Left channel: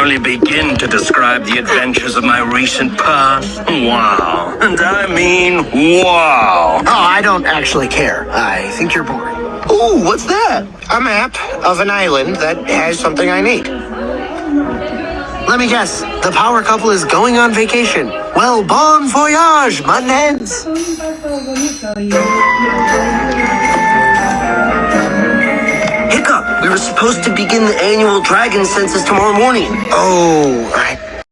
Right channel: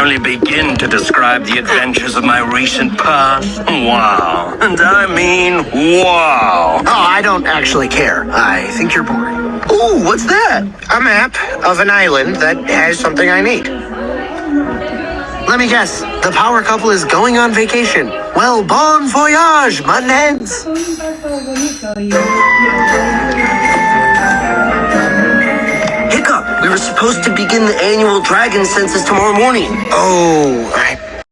only begin to describe the adventures of my recent past. Wow. And I mean wow. Oh, I don't actually care. I think you're boring. Ooh, what's that? A map of an island that has something I need. Let me guess. The power couple is going on vacation. Well, bon voyage, muttonheads. Hiccup, we were supposed to begin the annual dragon census tomorrow morning. Oh,